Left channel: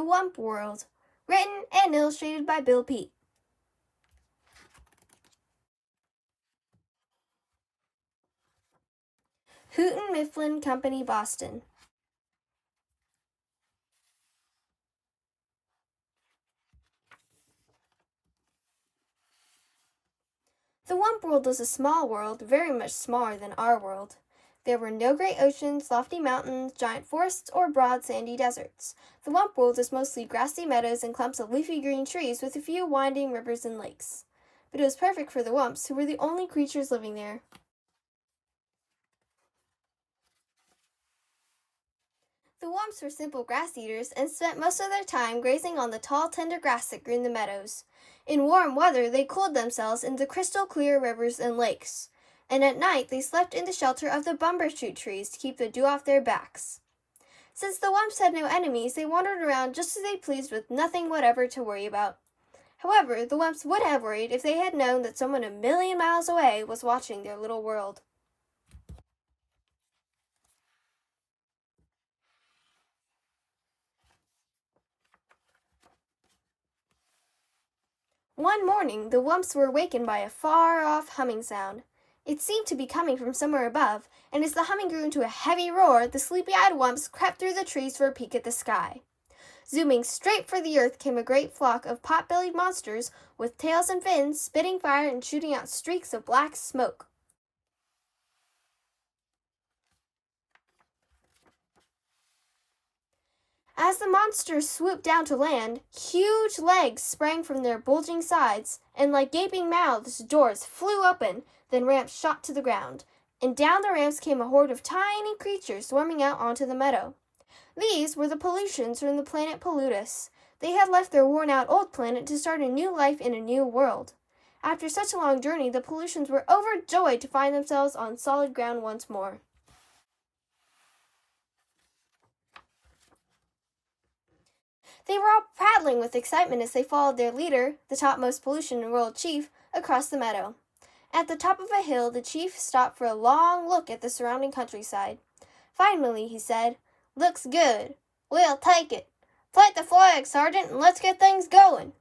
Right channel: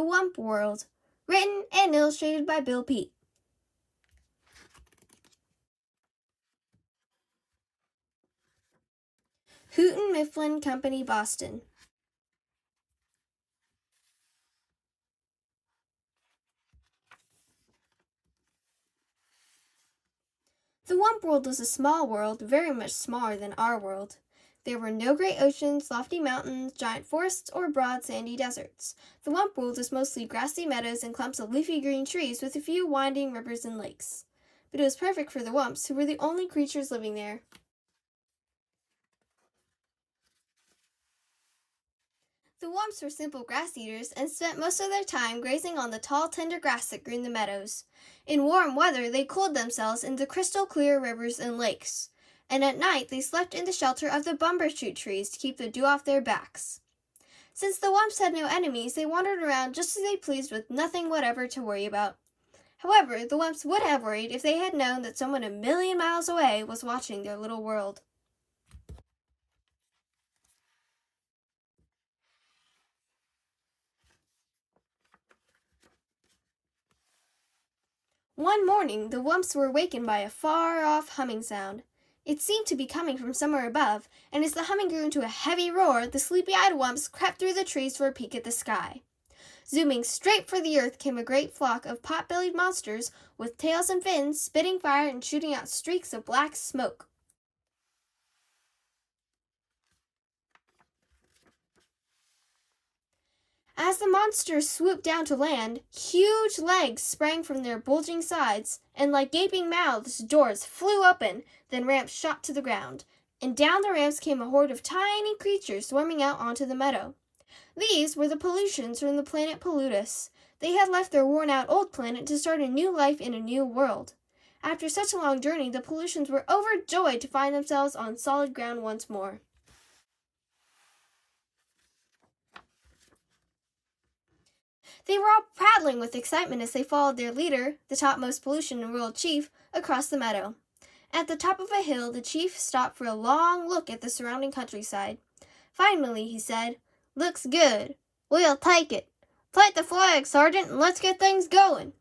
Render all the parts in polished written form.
The Wump World, written and illustrated by Bill Peet. Houghton Mifflin Company, Boston. The Wump World was a small world, very much smaller than our world. There were no great oceans, lofty mountains, giant forests, or broad sandy deserts. The Wump World was mostly grassy meadows and clumps of leafy green trees with a few winding rivers and lakes. But it was perfect for the Wumps, who were the only creatures living there. The Wumps were simple grass eaters and spent most of their time grazing on the tall, tender grass that grew in the meadows. In warm weather, they cooled themselves in the crystal clear rivers and lakes, and at night they slept in the shelter of the bumbershoot trees to keep the dew off their backs. Since the Wumps had no enemies, they wandered around just as they pleased with nothing whatever to worry about. However, the Wumps would have worried if they had known that someone 1,000,000 miles away was watching their little world. One morning, the Wumps were awakened by a far-off humming sound. It seemed to be coming from somewhere above, and as the humming grew into a heavy roar, the sleepy-eyed Wumps crept through the trees for a peek at the sky. Zooming straight for the earth came a great flock of pot-bellied monsters with tails and fins, spitting fire and shooting out streaks of black smoke. As the monsters swooped down to land, huge legs sprang from their bulging sides, and like gaping mouths, doors flew open, then ramps shot to the ground, and down the ramps came a horde of tiny creatures swarming out onto the meadow. These were the pollutions from the planet Pollutus. They had left their worn-out old planet to start a new life in a new world. After such a long journey, the pollutions were overjoyed to find themselves on solid ground once more. They were all prattling with excitement as they followed their leader, the topmost pollution and world chief, across the meadow. At the top of a hill, the chief stopped for a long look at the surrounding countryside. Finally, he said, "Looks good. We'll take it. Plant the flag, Sergeant, and let's get things going."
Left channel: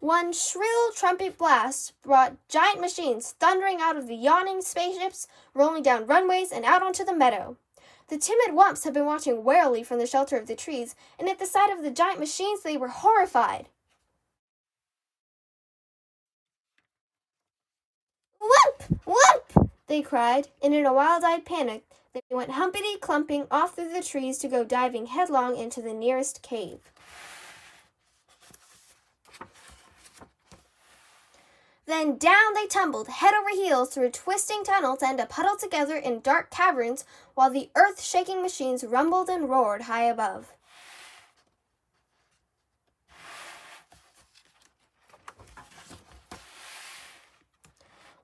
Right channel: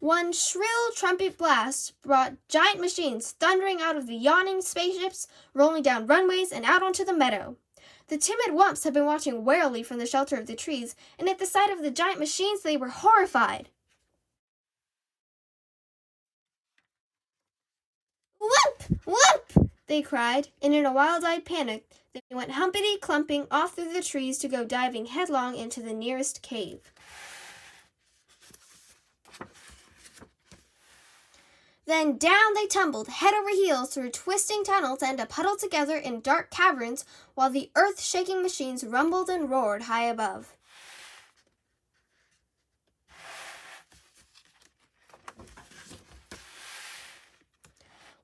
One shrill trumpet blast brought giant machines thundering out of the yawning spaceships, rolling down runways and out onto the meadow. The timid Wumps had been watching warily from the shelter of the trees, and at the sight of the giant machines they were horrified. "Wump! Wump!" they cried, and in a wild-eyed panic they went humpity-clumping off through the trees to go diving headlong into the nearest cave. Then down they tumbled, head over heels, through a twisting tunnel to end up huddled together in dark caverns while the earth-shaking machines rumbled and roared high above.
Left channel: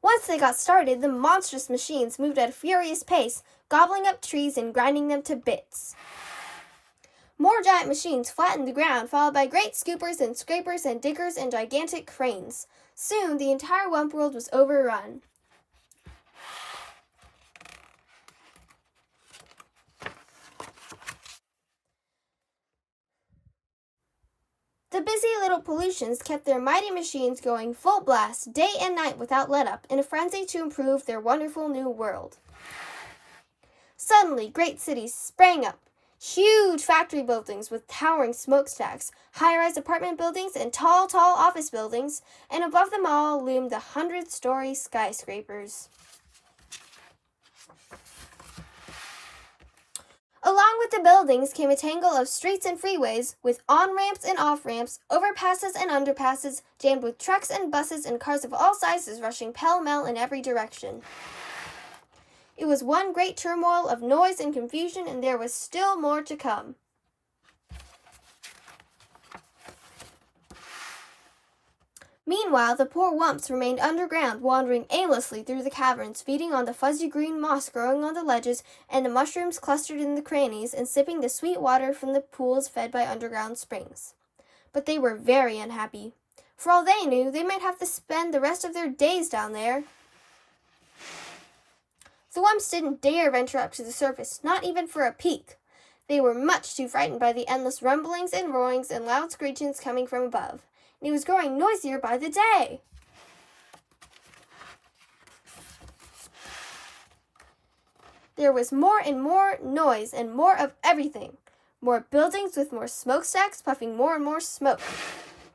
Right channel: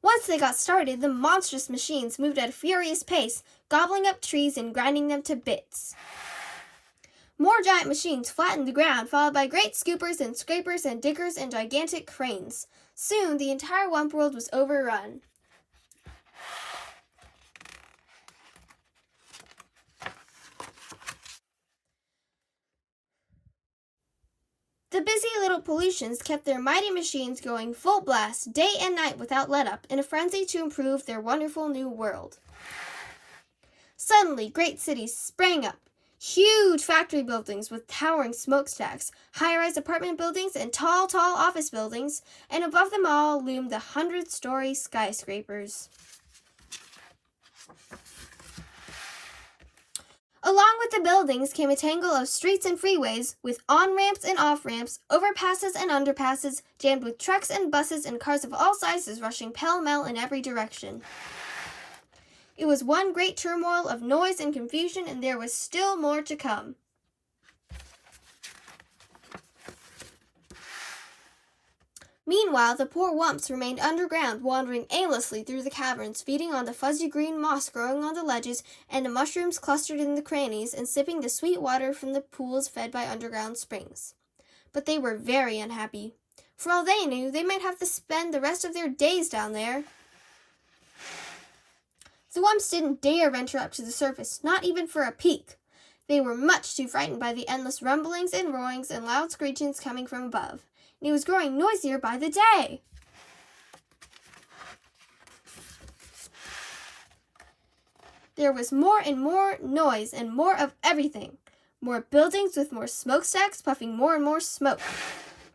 Once they got started, the monstrous machines moved at a furious pace, gobbling up trees and grinding them to bits. More giant machines flattened the ground, followed by great scoopers and scrapers and diggers and gigantic cranes. Soon, the entire Wump World was overrun. The busy little pollutions kept their mighty machines going full blast, day and night without let-up, in a frenzy to improve their wonderful new world. Suddenly, great cities sprang up. Huge factory buildings with towering smokestacks, high-rise apartment buildings, and tall office buildings, and above them all loomed the 100-story skyscrapers. Along with the buildings came a tangle of streets and freeways, with on-ramps and off-ramps, overpasses and underpasses, jammed with trucks and buses and cars of all sizes rushing pell-mell in every direction. It was one great turmoil of noise and confusion, and there was still more to come. Meanwhile, the poor Wumps remained underground, wandering aimlessly through the caverns, feeding on the fuzzy green moss growing on the ledges and the mushrooms clustered in the crannies, and sipping the sweet water from the pools fed by underground springs. But they were very unhappy. For all they knew, they might have to spend the rest of their days down there. The Wumps didn't dare venture up to the surface, not even for a peek. They were much too frightened by the endless rumblings and roarings and loud screechings coming from above, and it was growing noisier by the day. There was more and more noise and more of everything. More buildings with more smokestacks puffing more and more smoke.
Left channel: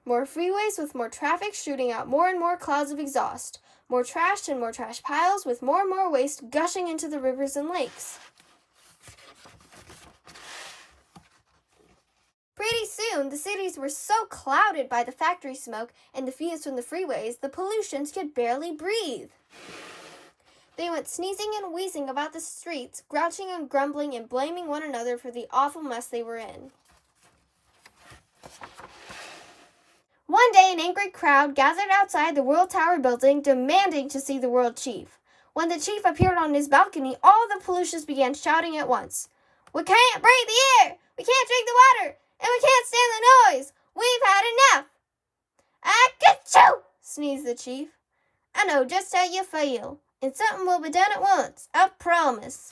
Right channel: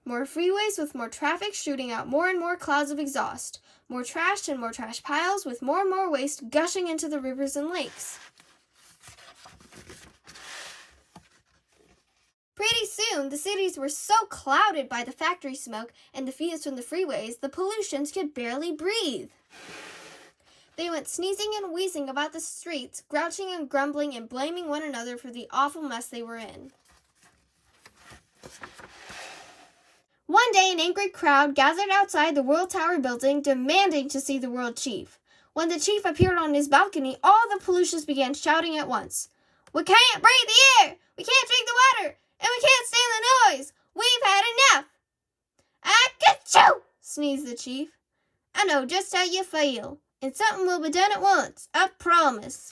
More freeways with more traffic shooting out more and more clouds of exhaust. More trash and more trash piles with more and more waste gushing into the rivers and lakes. Pretty soon, the cities were so clouded by the factory smoke and the fumes from the freeways, the pollutions could barely breathe. They went sneezing and wheezing about the streets, grouching and grumbling and blaming one another for the awful mess they were in. One day, an angry crowd gathered outside the World Tower building, demanding to see the World Chief. When the chief appeared on his balcony, all the pollutions began shouting at once. "We can't breathe the air! We can't drink the water! And we can't stand the noise! We've had enough!" "Achoo!" sneezed the chief. "I know just how you feel, and something will be done at once, I promise."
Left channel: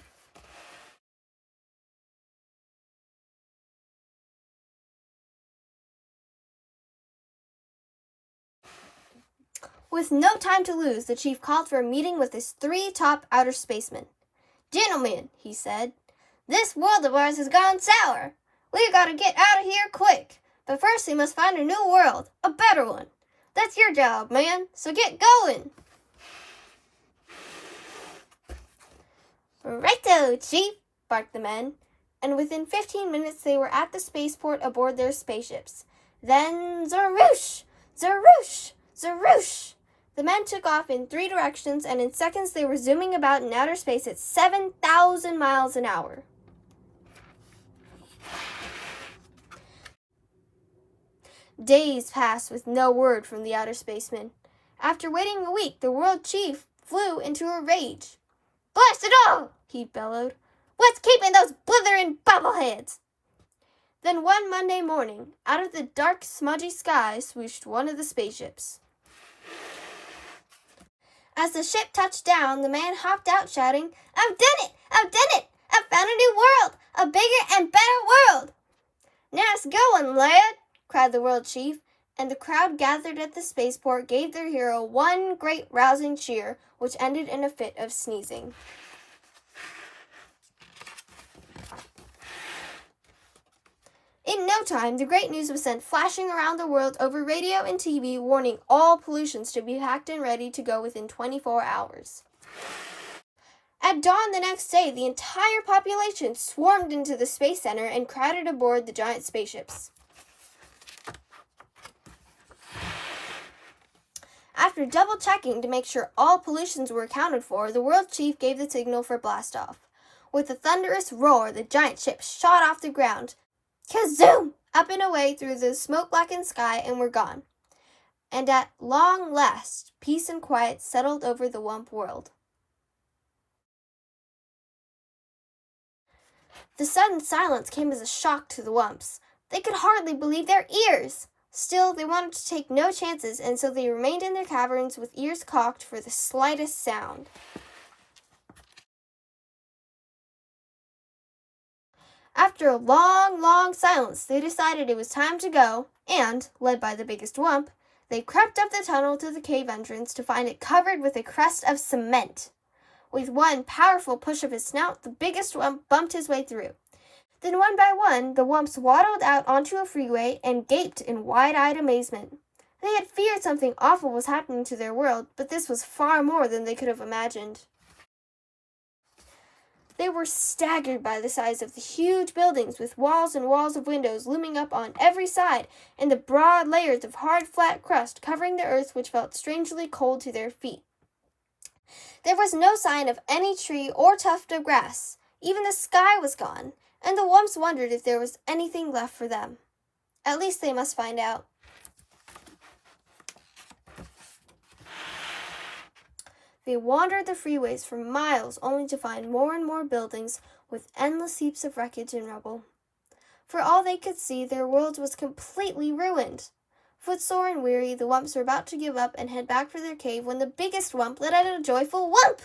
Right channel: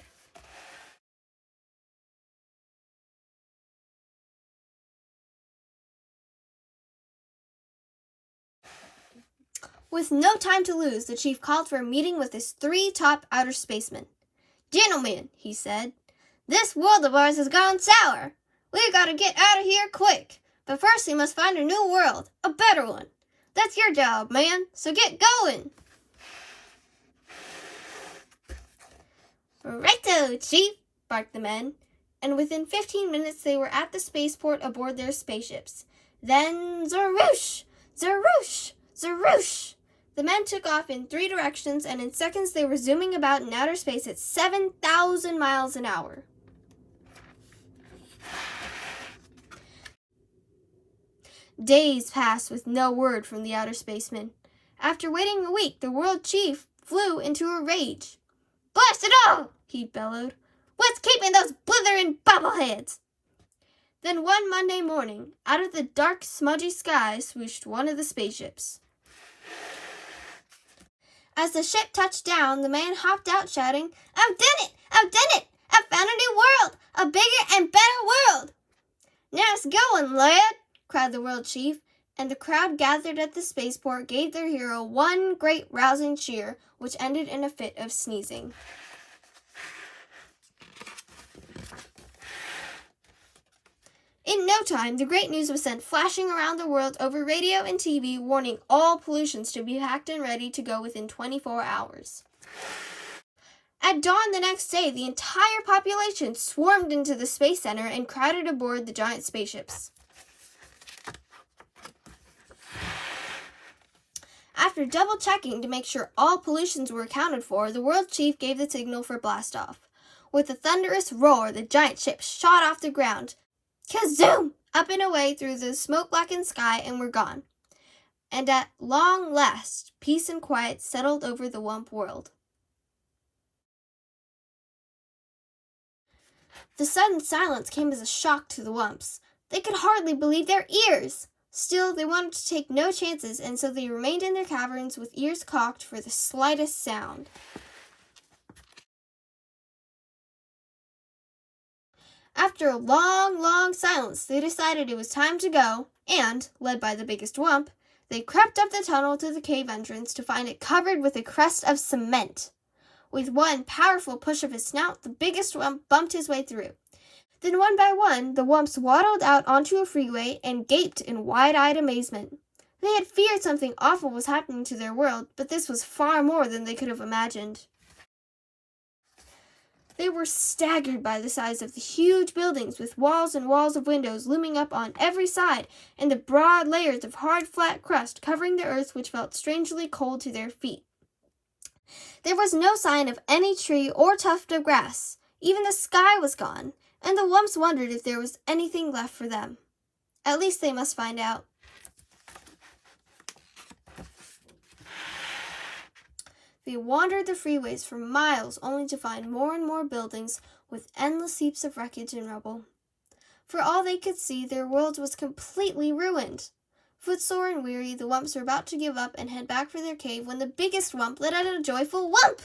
With no time to lose, the chief called for a meeting with his 3 top outer spacemen. "Gentlemen," he said, "this world of ours has gone sour. We've got to get out of here quick. But first we must find a new world, a better one. That's your job, man, so get going." "Righto, Chief," barked the men, and within 15 minutes they were at the spaceport aboard their spaceships. Then zaroosh, zaroosh, zaroosh. The men took off in 3 directions, and in seconds they were zooming about in outer space at 7,000 miles an hour. Days passed with no word from the outer spacemen. After waiting a week, the world chief flew into a rage. "Blast it all!" he bellowed. "What's keeping those blithering bobbleheads?" Then one Monday morning, out of the dark, smudgy sky swooshed one of the spaceships. As the ship touched down, the man hopped out shouting, "I've done it! I've done it! I've found a new world! A bigger and better world!" "Nice going, lad!" cried the world chief, and the crowd gathered at the spaceport gave their hero one great rousing cheer, which ended in a fit of sneezing. In no time, the great news was sent flashing around the world over radio and TV, warning all pollutions to be packed and ready to go within 24 hours. At dawn the next day, the entire population swarmed into the Space Center and crowded aboard the giant spaceships. After double-checking to make sure all pollutions were accounted for, the world chief gave the signal for blast-off. With a thunderous roar, the giant ships shot off the ground, kazoom! Up and away through the smoke-blackened sky, and were gone. And at long last, peace and quiet settled over the Wump World. The sudden silence came as a shock to the Wumps. They could hardly believe their ears. Still, they wanted to take no chances, and so they remained in their caverns with ears cocked for the slightest sound. After a long, long silence, they decided it was time to go, and, led by the biggest Wump, they crept up the tunnel to the cave entrance to find it covered with a crust of cement. With one powerful push of his snout, the biggest Wump bumped his way through. Then one by one, the Wumps waddled out onto a freeway and gaped in wide-eyed amazement. They had feared something awful was happening to their world, but this was far more than they could have imagined. They were staggered by the size of the huge buildings with walls and walls of windows looming up on every side and the broad layers of hard, flat crust covering the earth which felt strangely cold to their feet. There was no sign of any tree or tuft of grass. Even the sky was gone, and the Wumps wondered if there was anything left for them. At least they must find out. They wandered the freeways for miles only to find more and more buildings with endless heaps of wreckage and rubble. For all they could see, their world was completely ruined. Footsore and weary, the Wumps were about to give up and head back for their cave when the biggest Wump let out a joyful whoomp!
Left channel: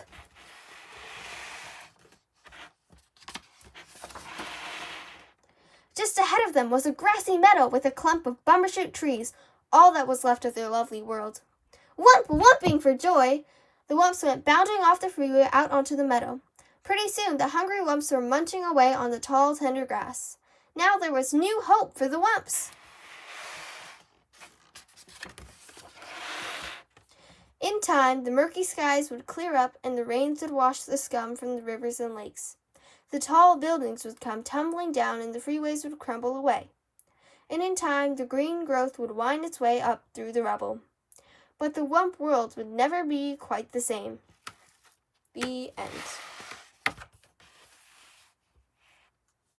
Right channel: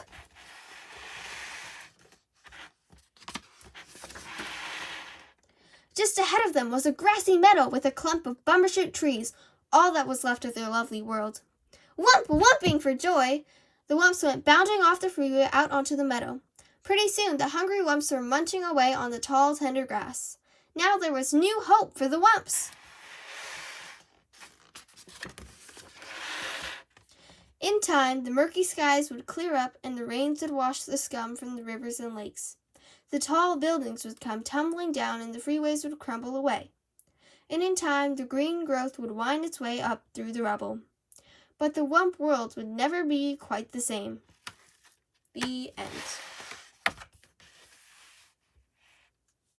Just ahead of them was a grassy meadow with a clump of bumbershoot trees, all that was left of their lovely world. Wump, wumping for joy! The Wumps went bounding off the freeway out onto the meadow. Pretty soon the hungry Wumps were munching away on the tall, tender grass. Now there was new hope for the Wumps. In time, the murky skies would clear up and the rains would wash the scum from the rivers and lakes. The tall buildings would come tumbling down and the freeways would crumble away. And in time, the green growth would wind its way up through the rubble. But the Wump world would never be quite the same. The end.